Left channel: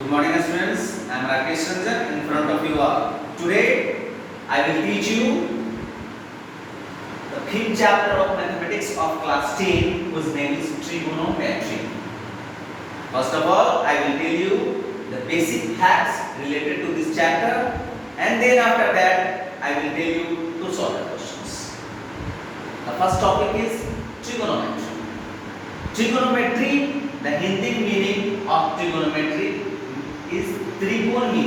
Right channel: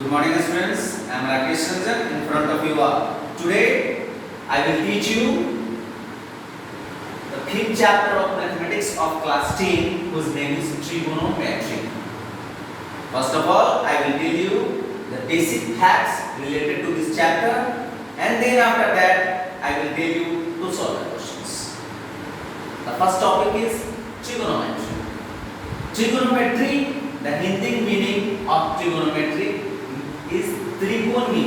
Good morning students, I am Rakesh Ranjan in front of you all. Today I will teach you the fifth chapter of mathematics of class 10 whose name is trigonometry. First of all, I will tell you the basic facts related to this chapter and then after that I will tell you to solve the questions. The first topic is trigonometry. Trigonometry, the Hindi meaning of trigonometry is त्रिकोणमिति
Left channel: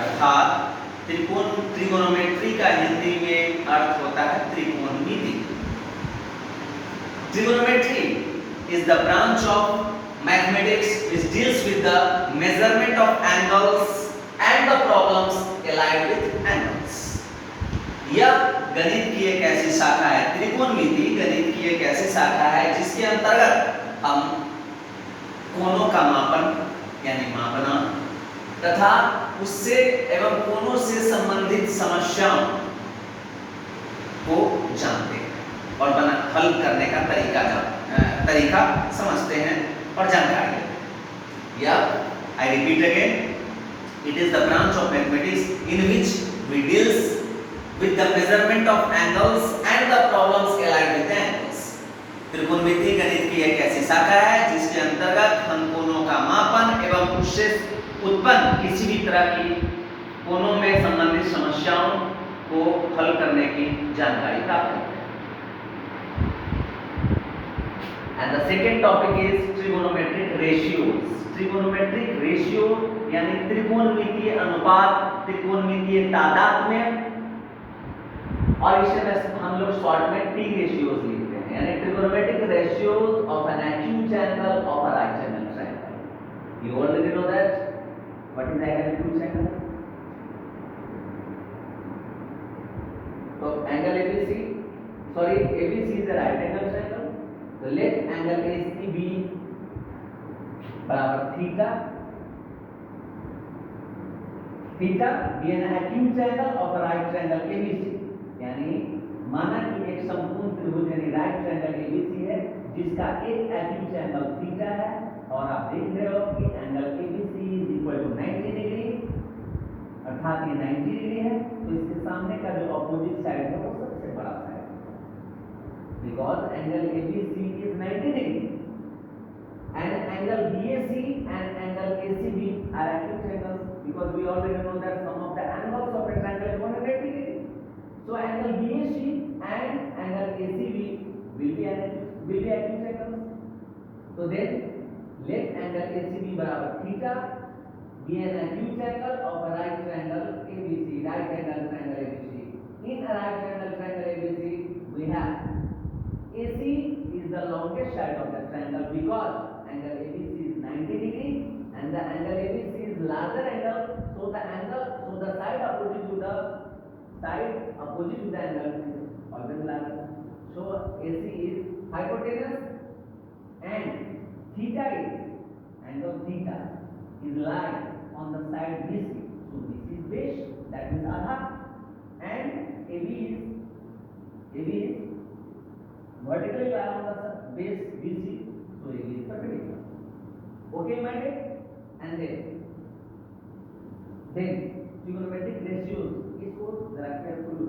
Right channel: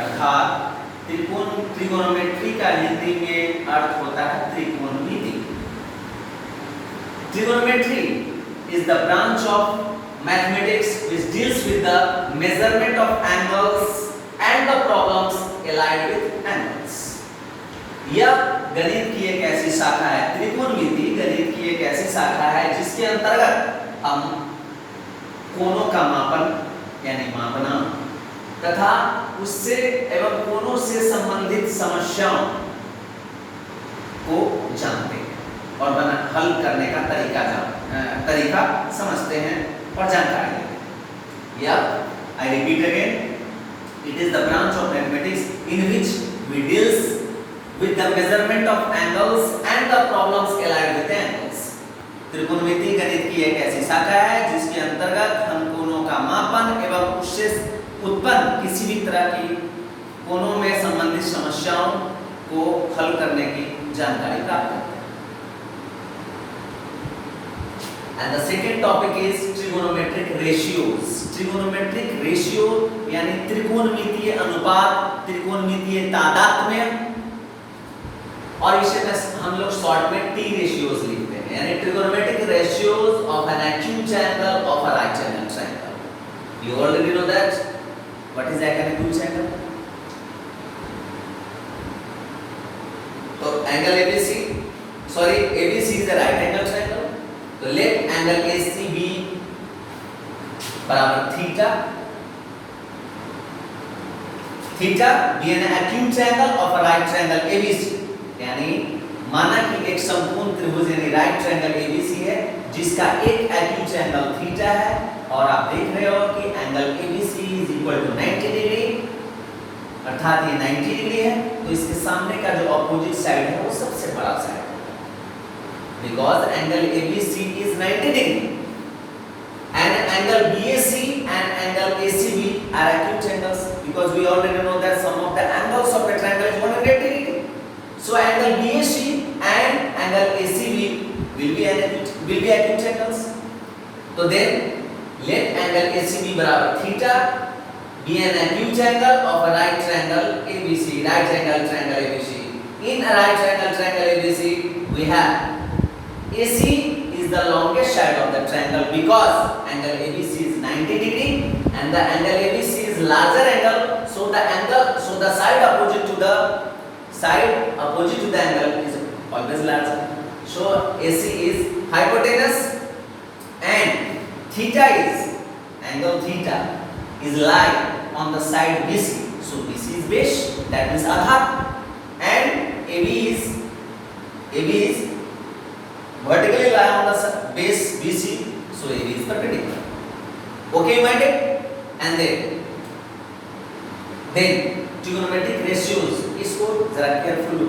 अर्थात त्रिकोणोमेट्री का हिंदी में अर्थ होता है त्रिकोणमिति. Trigonometry is the branch of mathematics which deals with the measurement of angles and the problems allied with angles. यह गणित की एक ऐसी शाखा है, त्रिकोणमिति गणित की एक ऐसी शाखा है जिसके अंतर्गत हम कोणों का मापन यानी मापना तथा उससे एवं कोणों से संबंधित समस्याओं को जानते हैं और हल करने का तरीका समझते हैं और जानकारी लेते हैं. यह I repeat again, it is the branch of mathematics in which we deals with the measurement of angles and the problems allied with angles. त्रिकोणमिति गणित की एक ऐसी शाखा है जिसके अंतर्गत हम कोणों का मापन एवं उससे उत्पन्न किसी भी तरह की कोणों में संबंधित समस्याओं को हल करने की जानकारी प्राप्त करते हैं. And the second topic is trigonometric ratios. Trigonometric ratio यानी त्रिकोणमितीय अनुपात, त्रिकोणमितीय तादात्म्य और इसे हम लोग शॉर्ट में टी रेशियोज लिखते हैं यानी trigonometric ratios of an acute angle of a right angle triangle. You already know that what is an acute angle. तो angle ABC ABC is a right angle triangle. तो let angle ACB बराबर theta be an acute angle of a right triangle ABC. यानी माना कि एक संपूर्ण त्रिभुज यानी राइट ट्रायंगल एबीसी है जिसका एक एक्यूट एंगल थीटा है और आप देख रहे हो कि angle ABC is equal to 90 degree अर्थात ये 90 डिग्री है. तो इसके सामने का जो अपोजिट साइड है वो सबसे बड़ा साइड है because angle ABC is 90 degree and angle BAC and angle ACB are acute angles because we already know that sum of the angles of a triangle is 180 degree. So angle BAC and angle ACB will be acute angles. So then let angle ACB बराबर theta be an acute angle of a right triangle ABC. Right angle triangle ABC. In a right angle triangle ABC, we have AC is the longest side of the triangle because angle ABC is 90 degree and the angle ABC is larger angle. So the side opposite to the angle is always larger. So AC is hypotenuse and theta is angle theta is lie on the side BC. So BC is base, that means Aadhaar, and AB is vertically lie on the base BC. So AB is perpendicular. Okay, you mind it? And then trigonometric ratios इसको जरा careful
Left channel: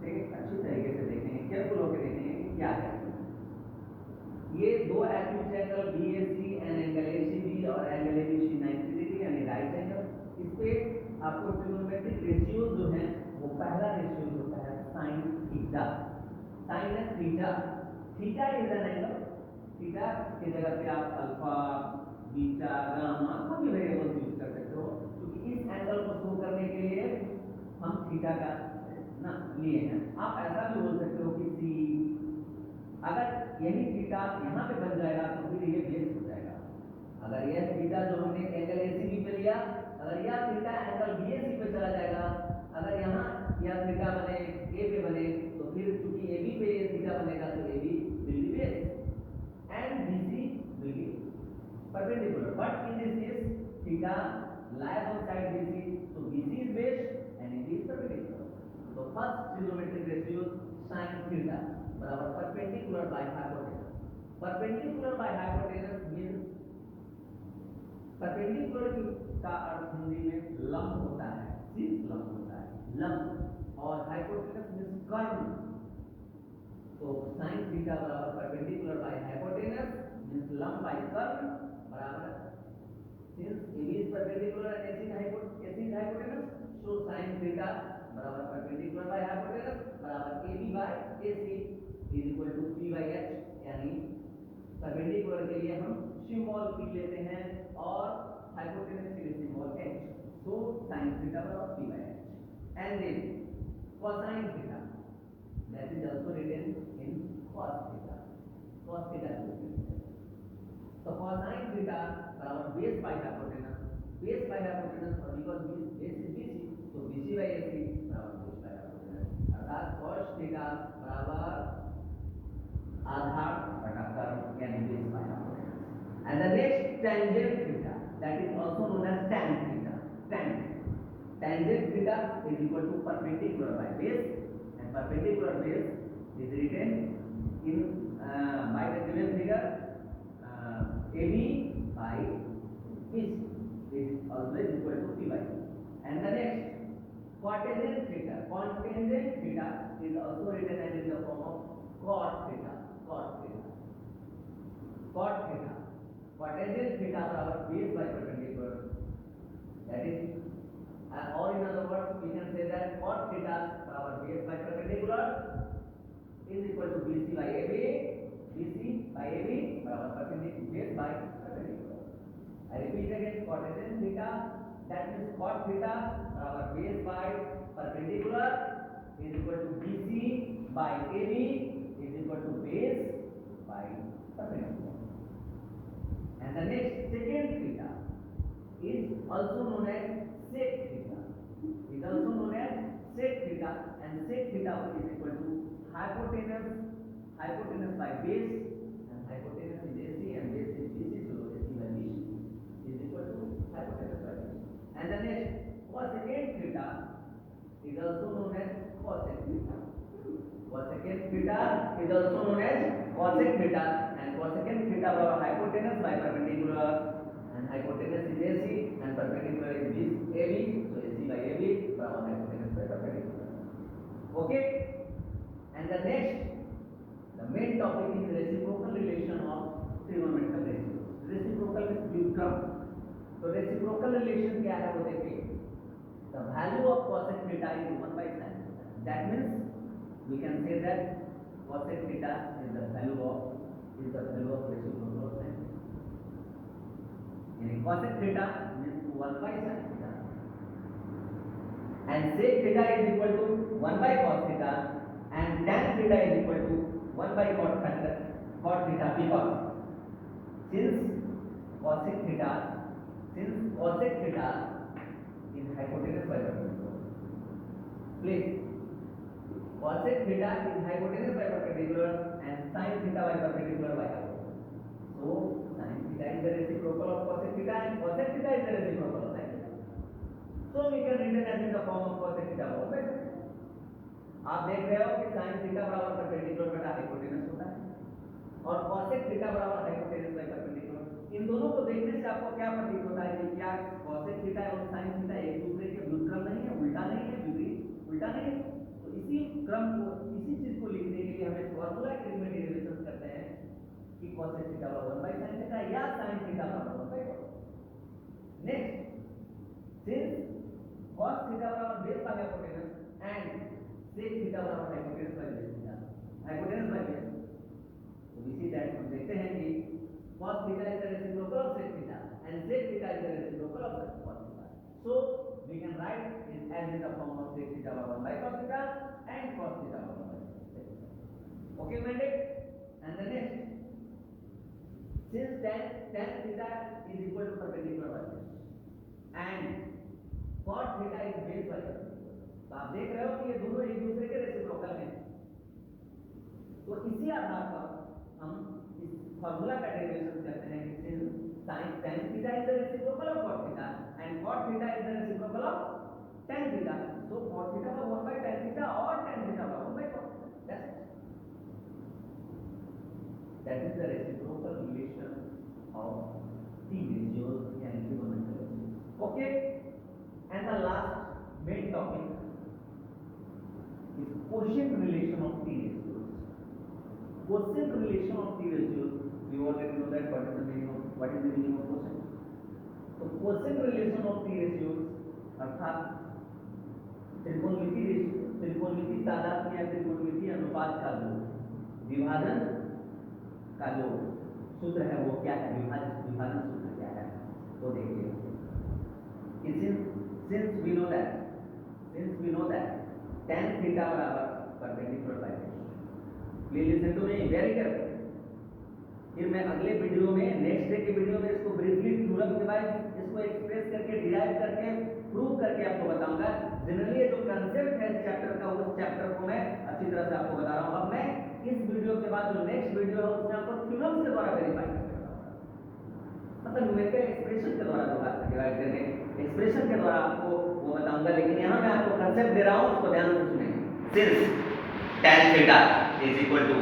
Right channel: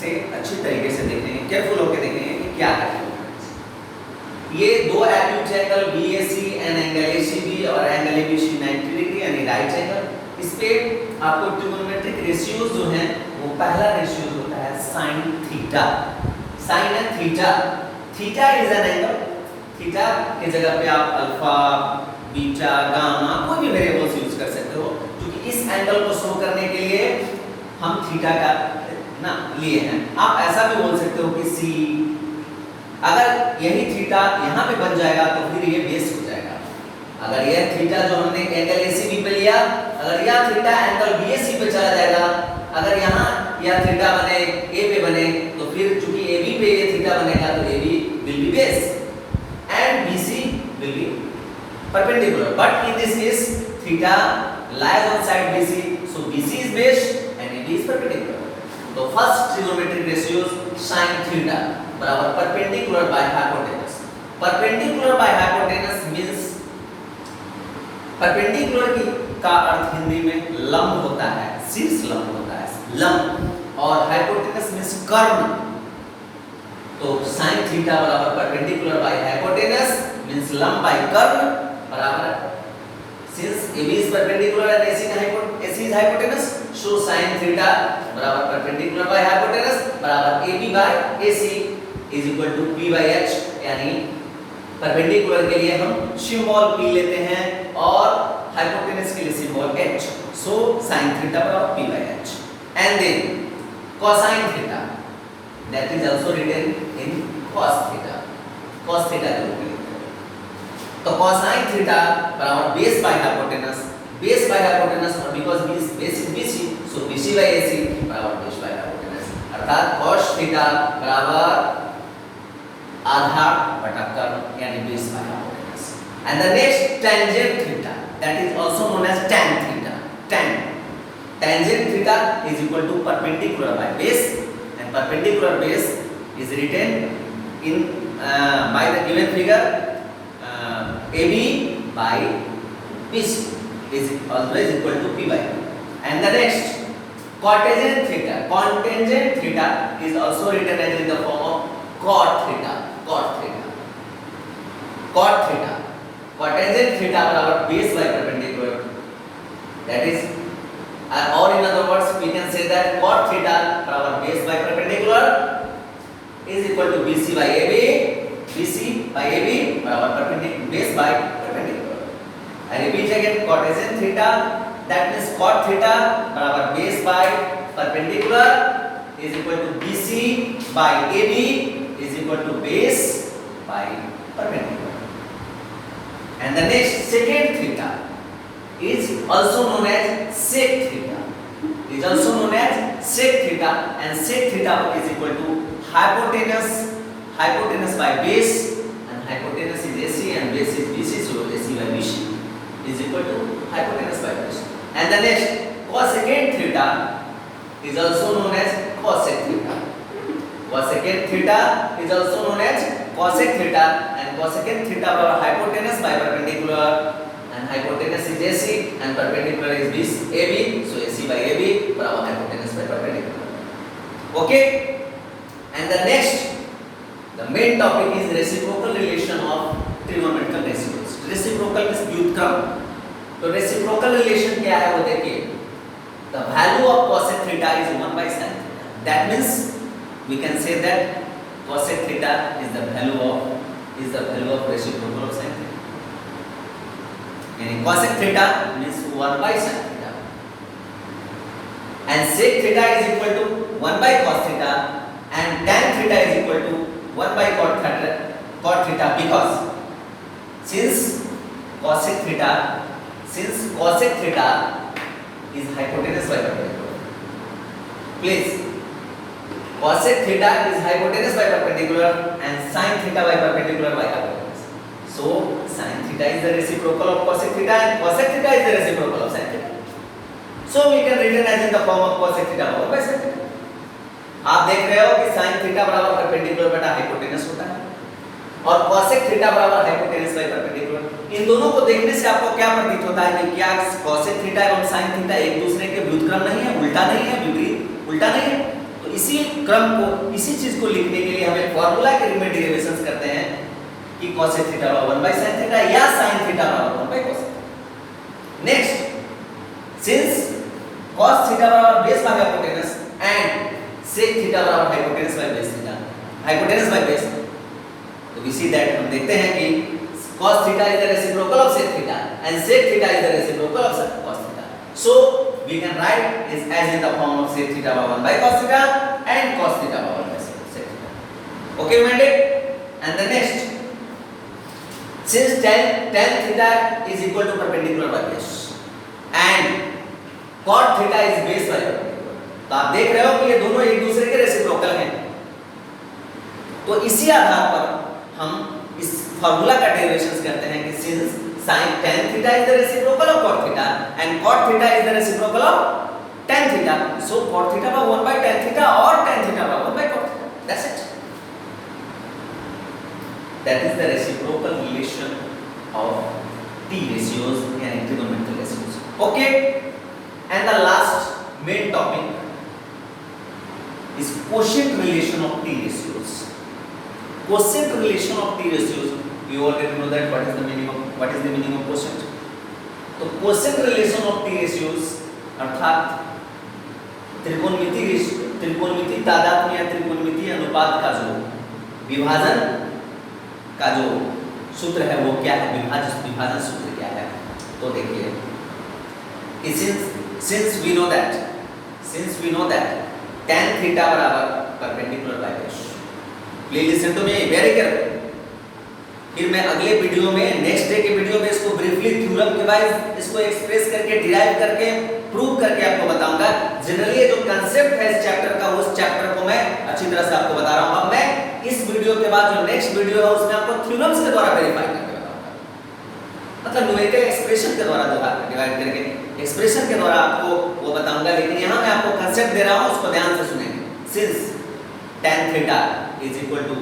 से अच्छी तरीके से देखेंगे, careful होकर देखेंगे कि क्या है. ये दो acute angle BAC and angle ACB और एंगल ABC 90 डिग्री यानी राइट एंगल. इस पे आपको ट्रिगोनोमेट्रिक रेशियोज जो हैं वो पहला रेशियो होता है sin थीटा. sin है theta is an angle. Theta की जगह पे आप अल्फा, बीटा, गामा कोई भी वेरिएबल्स यूज कर सकते हो क्योंकि इस एंगल को शो करने के लिए हम थीटा का ना लिए हैं. आप ऐसा भी बोल सकते हो कि सी, अगर यही थीटा यहाँ पे बन जाएगा तो फिर ये बेस हो जाएगा. अगर यह थीटा जो हमने एंगल एसीबी पे लिया, अगर यह थीटा एंगल बीएसी पे चला जाएगा, अगर यहाँ यह थीटा बने ए पे बने तो फिर चूंकि एबी पे ये थीटा बनेगा तो AB will be base and BC will be perpendicular. But in this case theta lies on side BC, so BC is base and AB is perpendicular. So first trigonometric ratios sin theta बराबर perpendicular by hypotenuse. Perpendicular by hypotenuse means perpendicular की का अर्थ हिंदी में लंब होता है, शीर्ष लंब होता है, लंब। और हाइपोटेनस मींस कर्ण। तो sin थीटा बराबर परपेंडिकुलर बाय हाइपोटेनस मींस लंब बाय कर्ण बराबर, since AB is perpendicular and AC is hypotenuse, so sin theta बराबर perpendicular by hypotenuse बराबर AB by AC is equal to P by H। यानी perpendicular के लिए हम symbol P लेते हैं और हाइपोटेनस के लिए symbol H, so sin theta बराबर P by H। and then cosine theta, that is also written in cos theta, cos theta के रूप में लिखते हैं। तो cosine theta बराबर base by hypotenuse, base by hypotenuse, और because base is BC, so BC by AC बराबर base by hypotenuse, अर्थात cos theta बराबर आधार बटा कर्ण यानी base by hypotenuse। and the next tangent theta, that is also known as tan theta, tangent theta is equal to perpendicular by base, and perpendicular base is written in by the given figure, AB by BC is always equal to P by Q। and the next cotangent theta is also written as in the form of cot theta। cotangent theta बराबर base by perpendicular, that is or in other words we can say that cot theta बराबर base by perpendicular is equal to BC by AB बराबर perpendicular base by perpendicular। I repeat again, cotangent theta, that means cot theta बराबर base by perpendicular is equal to BC by AB is equal to base by perpendicular। and the next secant theta is also known as sec theta, and sec theta is equal to hypotenuse by base, and hypotenuse is AC and base is BC, so AC by BC is equal to hypotenuse by base। and the next cosecant theta is also known as cosec theta, is also known as cosec theta, and cosecant theta बराबर hypotenuse by perpendicular, and hypotenuse is AC and perpendicular is AB, so AC by AB बराबर hypotenuse by perpendicular। okay, and the next, the main topic is reciprocal relation of trigonometrical ratios। reciprocal means व्युत्क्रम। तो reciprocal relation क्या है वो देखिए, the value of cosec theta is 1 by sin theta, that means we can say that cosec theta is the value of reciprocal of sin theta, यानी cosec theta means 1 by sin theta, and sec theta is equal to 1 by cos theta, and tan theta is equal to 1 by cot theta, because since cosec theta is hypotenuse by perpendicular, please, cosec theta is hypotenuse by perpendicular and sin theta by perpendicular by hypotenuse, so sin theta is the reciprocal of cosec theta and cosec theta is the reciprocal of sin theta, so we can written as in the form of cosec theta over by sin theta। आप देख रहे हो कि sin theta बराबर perpendicular बटा hypotenuse होता है और cosec थीटा बराबर हाइपोटेनस बाय परपेंडिकुलर। इन दोनों को देखने से आपको क्या प्रतीत होता है कि क्या cosec थीटा एवं sin थीटा एक दूसरे के व्युत्क्रम नहीं है, उल्टा नहीं है, विपरीत उल्टा नहीं है। तो इसी क्रम को, इसी चीज को लिखने के लिए हम एक फार्मूला के रूप में डेरिवेशंस करते हैं कि cosec थीटा बराबर 1 by sin थीटा या sin थीटा बराबर 1 by cos theta. Next, since cos theta बराबर base by hypotenuse and sec theta बराबर hypotenuse by base theta, hypotenuse by base, तो we see that हम देखते हैं कि cos theta is the reciprocal of sec theta and sec theta is the reciprocal of cos theta, so we can write is as in the form of sec theta by 1 by cos theta and cos theta by 1 by sec theta। okay minded, and the next, since tan theta is equal to perpendicular by base and cot theta is base by perpendicular, तो आप देख रहे हो कि ये दोनों एक दूसरे के रेसिप्रोकल हैं। तो इसी आधार पर हम इस फार्मूला का डेरिवेशंस करते हैं कि since sin tan theta is the reciprocal of cot theta and cot theta is the reciprocal of tan theta, so cot theta by 1 by tan theta or tan theta by 1 by cot theta, that's it। that is the reciprocal relation of T ratios यानी trigonometric ratios. Okay, and the last main topic is quotient relation of T ratios. Quotient relation of T ratios, you already know that what is the meaning of quotient. तो quotient relation of T ratios अर्थात त्रिकोणमिति तादात्म्य या त्रिकोणमिति अनुपात का जो विभाजन का जो सूत्र है वो क्या है, विभाजन सूत्र क्या है। तो देखिए, since we know that tan theta बराबर perpendicular by base. Please listen to me very careful. फिर मैं अगले वीडियो में, नेक्स्ट डे के वीडियो में इसको ब्रीफली थ्योरम के वाइज इसको एक्सप्रेस करके, डिराइव करके, प्रूव करके आपको बताऊंगा। जनरली ये जो कांसेप्ट है इस चैप्टर का, उस चैप्टर को मैं अच्छी तरह से आपको बता रहा हूं। अब मैं इस वीडियो के बाद जो नेक्स्ट वीडियो है उसमें आपको थ्योरम्स के द्वारा वेरीफाई करके बताऊंगा, मतलब न्यूमेरिकल एक्सप्रेशन के द्वारा डिवाइड करके एक्सप्रेशन के द्वारा आपको वो बताऊंगा। लेकिन यहां मैं आपको कांसेप्ट दे रहा हूं, उसको ध्यान से सुनेंगे। Since tan theta is equal to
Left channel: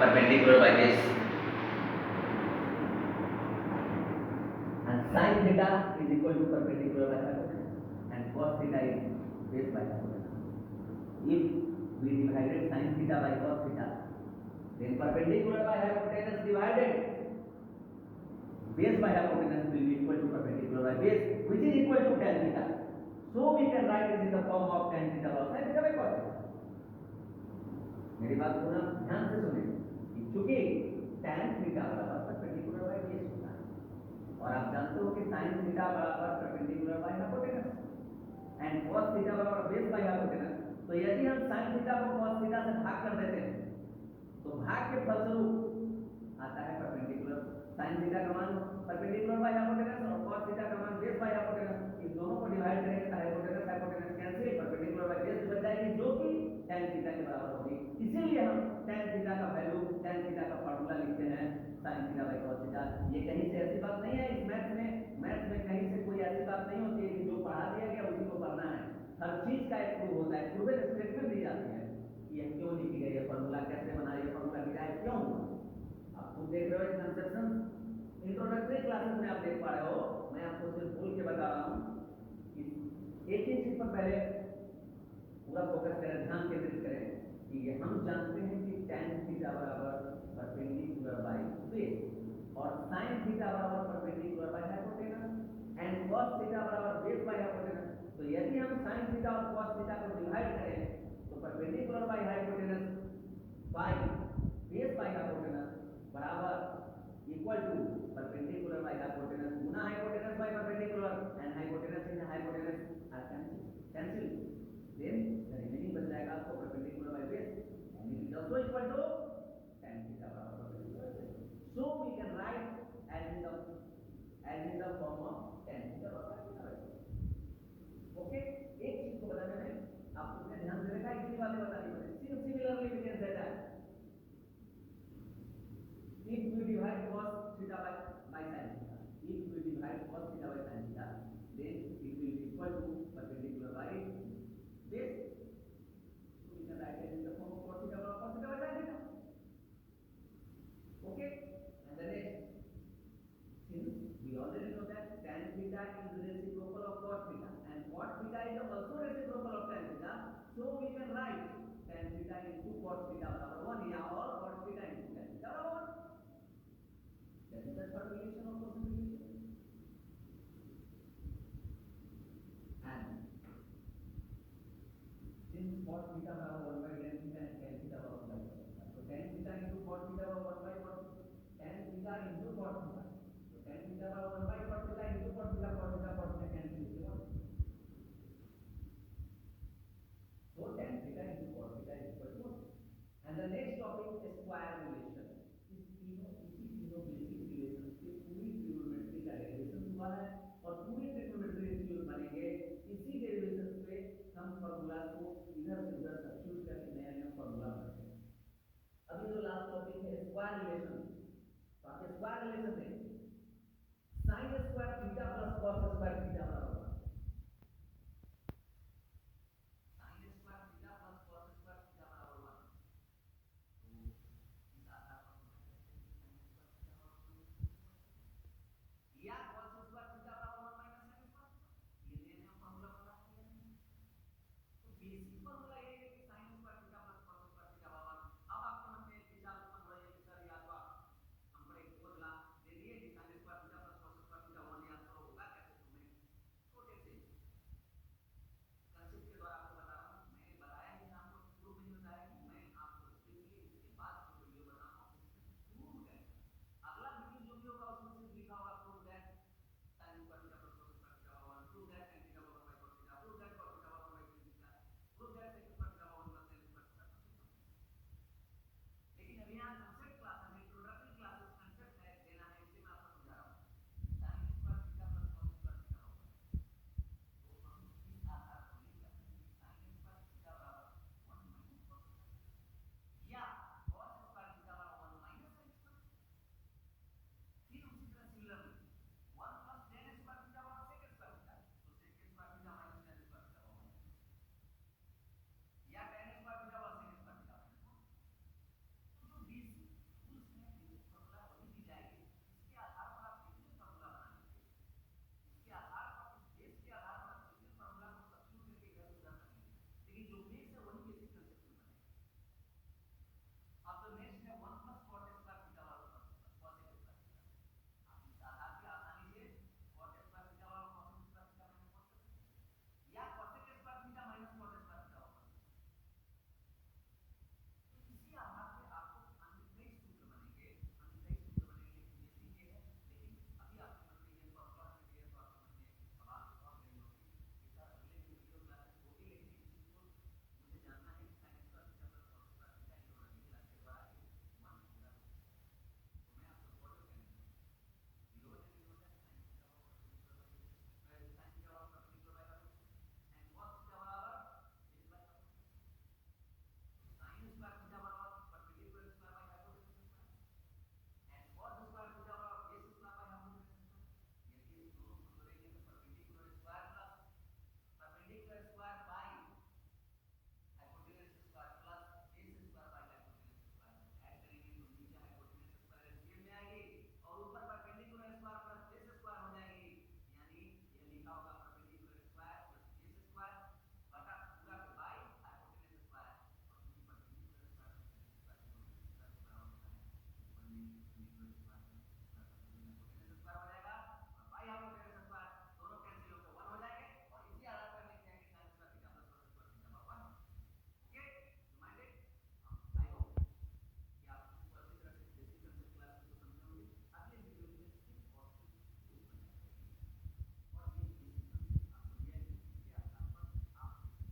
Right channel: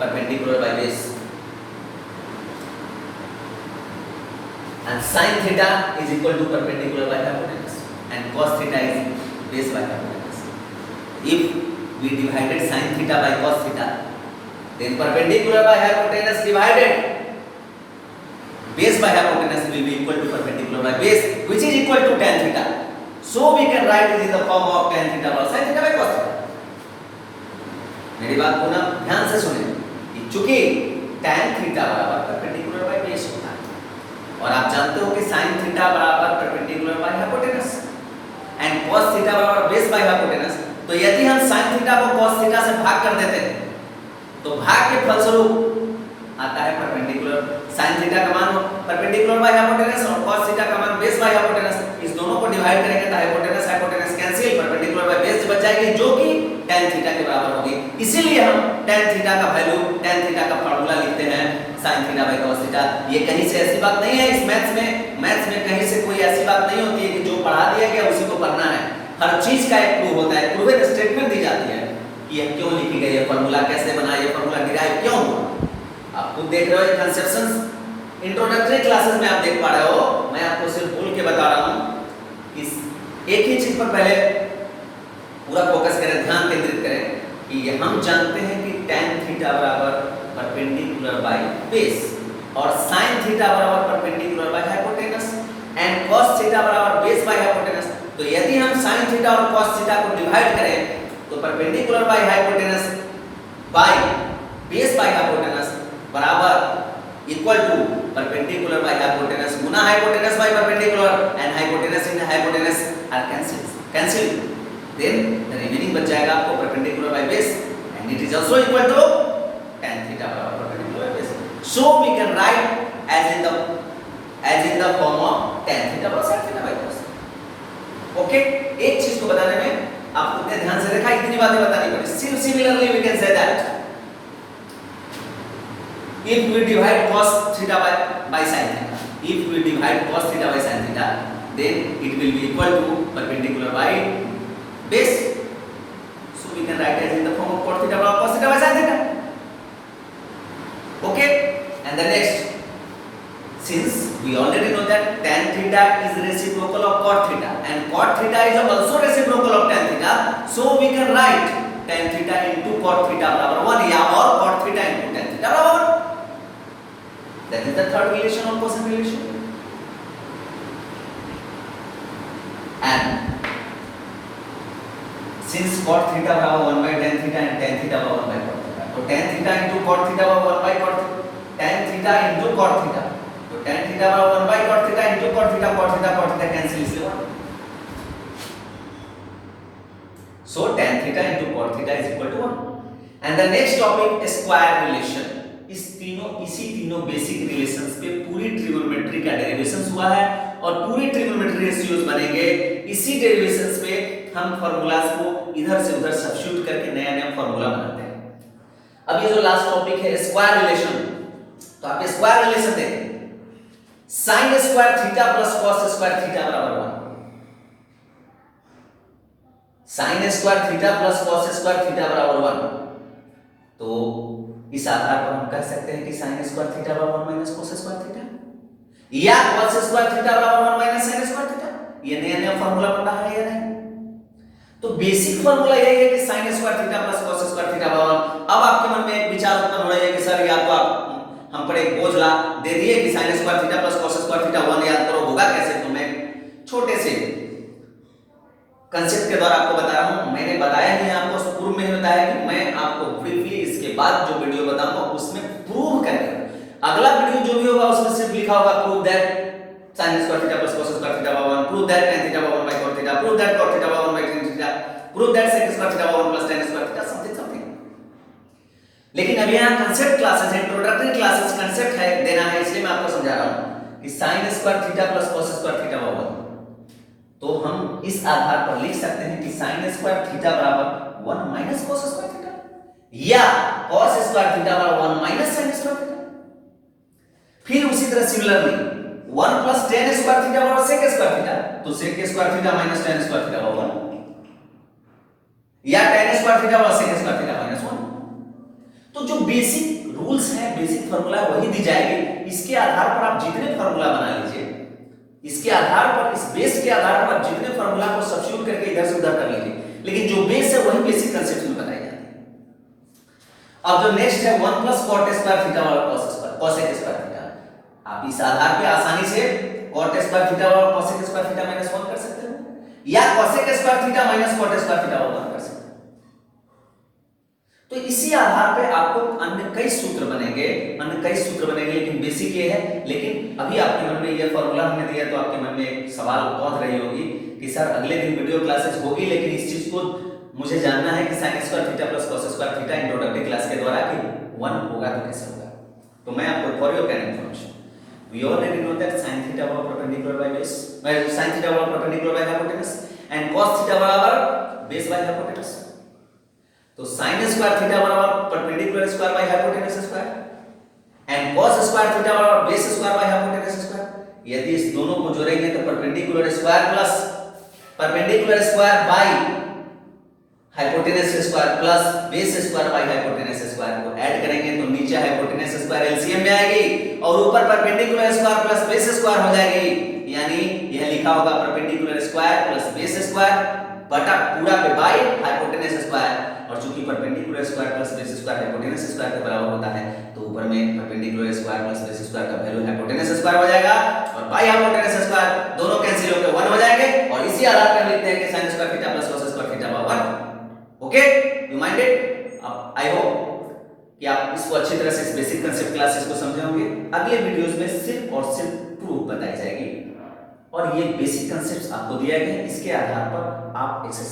perpendicular by base and sin theta is equal to perpendicular by hypotenuse and cos theta is base by hypotenuse. If we divided sin theta by cos theta, then perpendicular by hypotenuse divided base by hypotenuse will be equal to perpendicular by base, which is equal to tan theta. So we can write it in the form of tan theta plus sin theta by cos theta. मेरी बात को ना ध्यान से सुने। चूंकि tan theta बराबर perpendicular by base होता है और आप जानते हो कि sin थीटा बराबर perpendicular by hypotenuse and cos theta बराबर बेस बाय हाइपोटेनस। तो यदि हम sin थीटा को cos थीटा से भाग कर देते हैं तो भाग के फलस्वरूप आता है परपेंडिकुलर। sin थीटा का मान परपेंडिकुलर बाय हाइपोटेनस और cos थीटा का मान बेस बाय हाइपोटेनस। इस दोनों को डिवाइड करेंगे तो hypotenuse cancel, perpendicular by base बच जाएगी जो कि tan थीटा के बराबर होगी। इसीलिए हम tan थीटा का वैल्यू, tan थीटा का फार्मूला लिखते हैं sin theta by cos theta. ये कहीं से ऐसी बात नहीं है इस मैथ्स में कहीं से कोई ऐसी बात नहीं होती है कि जो पढ़ा दिया गया उसी को पढ़ना है। हर चीज का एक प्रूफ होता है, प्रूवन स्टेटमेंट दी जाती है कि ये क्यों लिखी गई है, फार्मूला कैसे बना, ये फार्मूला डिराइव क्यों हुआ। आप खुद देख रहे हो कंसेप्शंस इंट्रोडक्टरी क्लासेस में आप देख पा रहे हो। मैं आपको सिर्फ बोल के बता रहा हूं। इस एक ही चीज पर पहले पूरा फोकस करें, ध्यान केंद्रित करें कि ये हम जानते हैं कि tan थीटा बराबर परपेंडिकुलर बाय बेस और sin थीटा बराबर perpendicular by hypotenuse and cos theta बराबर बेस बाय हाइपोटेनस। तो यदि हम sin थीटा और cos थीटा को डिवाइड करें तो perpendicular by hypotenuse by base by hypotenuse बराबर equal to perpendicular by hypotenuse गुना hypotenuse by perpendicular and hypotenuse and hypotenuse are cancel. Then the remaining बच जाएगा आपको perpendicular by base and it is also equal to tan theta बराबर perpendicular by base. So we can write as in the form of tan theta plus sin theta by cos. Okay, एक चीज को बताने में आपको इतने ध्यान से देखा, इतनी बातें बतानी पड़ी। Similarly we can say that if we divide cos theta by sin theta, if we divide cos theta by sin theta, then it will be equal to perpendicular by base. So we can write as in the form of cos theta by cos theta by sin theta. Okay, and the next, since we already know that tan theta is reciprocal of cot theta and cot theta is also reciprocal of tan theta, so we can write tan theta into cot theta बराबर 1 या और cot theta into tan theta बराबर 1. That is the third relation of quotient relation. And since cot theta बराबर 1 by tan theta and tan theta बराबर 1 by cot theta, तो tan theta into cot theta बराबर 1 by cot theta, tan theta into cot theta, तो tan theta बराबर 1 by cot theta into cot theta cancel इसलिए 1. So tan theta into cot theta is equal to 1. And the next topic is square relation. इसी तीनों basic relations पे पूरी trigonometry का derivations हुआ है और पूरी ट्रिगोनोमेट्री रेशियोज बनेंगे। इसी डेरिवेशंस पे हम फार्मूलाज को इधर से उधर सब्स्टिट्यूट करके नया फार्मूला बनाते हैं। अब ये जो लास्ट टॉपिक है स्क्वायर रिलेशन, तो आप स्क्वायर रिलेशन देखें, sin square theta plus cos square theta बराबर 1, sin square theta plus cos square theta बराबर 1। तो इस आधार पर हम कह सकते हैं कि sin स्क्वायर थीटा बराबर 1 माइनस cos स्क्वायर थीटा। या cos स्क्वायर थीटा बराबर 1 माइनस sin स्क्वायर थीटा। ये नया नया फार्मूला पढ़ा है या नहीं? तो बेसिक फार्मूला यही है कि sin square theta plus cos square theta बराबर। अब आपके मन में एक विचार उत्पन्न हो रहा है कि सर या तो आप हम पर एक बोझ ला दे दिए कि sin square theta plus cos square theta 1 याद करो, होगा कैसे? तो मैं छोटे से कंसेप्ट के द्वारा आपको बता रहा हूं। मैंने बताया नहीं आपको, पूर्व में बताया कि मैं आपको ब्रीफली इसके बाद जो वीडियो बताऊंगा उसमें प्रूव करेंगे। अगला वीडियो जो भी होगा उसमें सिर्फ लिखा होगा prove that sin square theta plus cos square theta बराबर 1, प्रूव दैट tan थीटा बराबर 1 by cot theta, prove that cot theta बराबर 1 by tan theta, prove that sec square theta बराबर 1 plus tan square theta, something something. लेकिन अभी यहाँ concept classes है, introductory classes, concept है देना है, इसलिए मैं आपको समझा रहा हूं कि sin square theta plus cos square theta बराबर, तो हम इस आधार पर लिख सकते हैं कि sin स्क्वायर थीटा बराबर 1 माइनस cos स्क्वायर थीटा या cos स्क्वायर थीटा बराबर 1 माइनस sin स्क्वायर थीटा। फिर उसी तरह similarly 1 plus tan square theta बराबर sec स्क्वायर थीटा, तो sec square theta minus tan square theta बराबर 1 या tan स्क्वायर थीटा बराबर sec स्क्वायर थीटा माइनस 1। तो जो बेसिक रूल्स हैं, बेसिक फार्मूला वही दी जाएगी। इसके आधार पर आप जितने फार्मूला बना लीजिए, इसके आधार पर, इस बेस के आधार पर आप जितने फार्मूला को सब्स्टिट्यूट करके इधर से उधर कर लीजिए, लेकिन जो बेस है वही बेसिक कांसेप्ट में बताई जाती है। अब जो नेक्स्ट है 1 प्लस cot स्क्वायर थीटा बराबर cos square cosec square theta, आप इस आधार पे आसानी से cot स्क्वायर थीटा बराबर cosec स्क्वायर थीटा माइनस 1 कर सकते हो या cosec square theta minus cot square theta बराबर 1 कर सकते हो। तो इसी आधार पे आपको अन्य कई सूत्र बनेंगे, लेकिन बेसिक ये है। लेकिन अभी आपके मन में ये फार्मूला हमने दिया तो आपके मन में एक सवाल पहुंच रही होगी कि सर अगले दिन वीडियो क्लासेस होगी, लेकिन इस चीज को मुझे जानना है कि sin square theta plus cos square theta introductory class के द्वारा कि 1 होगा तो कैसे होगा। तो मैं आपको for your kind information, we already know that sin theta बराबर perpendicular by base, sin theta बराबर perpendicular by hypotenuse and cos theta बराबर बेस बाय हाइपोटेनस। तो sin स्क्वायर थीटा बराबर perpendicular square by hypotenuse square and cos square theta बराबर base square by hypotenuse square. यदि इस दोनों को जोड़ेंगे तो perpendicular square by hypotenuse square plus base square by hypotenuse square को ऐड करेंगे तो नीचे हाइपोटेनस स्क्वायर एलसीएम में आएगी और ऊपर perpendicular square plus base square हो जाएगी। यानी यह लिखा होगा perpendicular square plus base square बटा पूरा पे बाय हाइपोटेनस स्क्वायर, और चूंकि perpendicular square plus base square hypotenuse square के बराबर होता है तो ऊपर में perpendicular square plus base square का वैल्यू हाइपोटेनस स्क्वायर हो जाएगा और बाय हाइपोटेनस स्क्वायर दोनों कैंसिल होकर 1 हो जाएंगे। और इसी आधार पर लिखते हैं कि sin square theta plus cos square theta बराबर 1। Okay, you minded? अब आई होप कि आप इसको अच्छी तरह से इस बेसिक कांसेप्ट क्लासेस को समझे होंगे। अगले वीडियोस में सिर्फ और सिर्फ प्रूफ बताई जाएगी और ये बेसिक कांसेप्ट्स आपको दिया गया है, इसके आधार पर आप एक्सरसाइज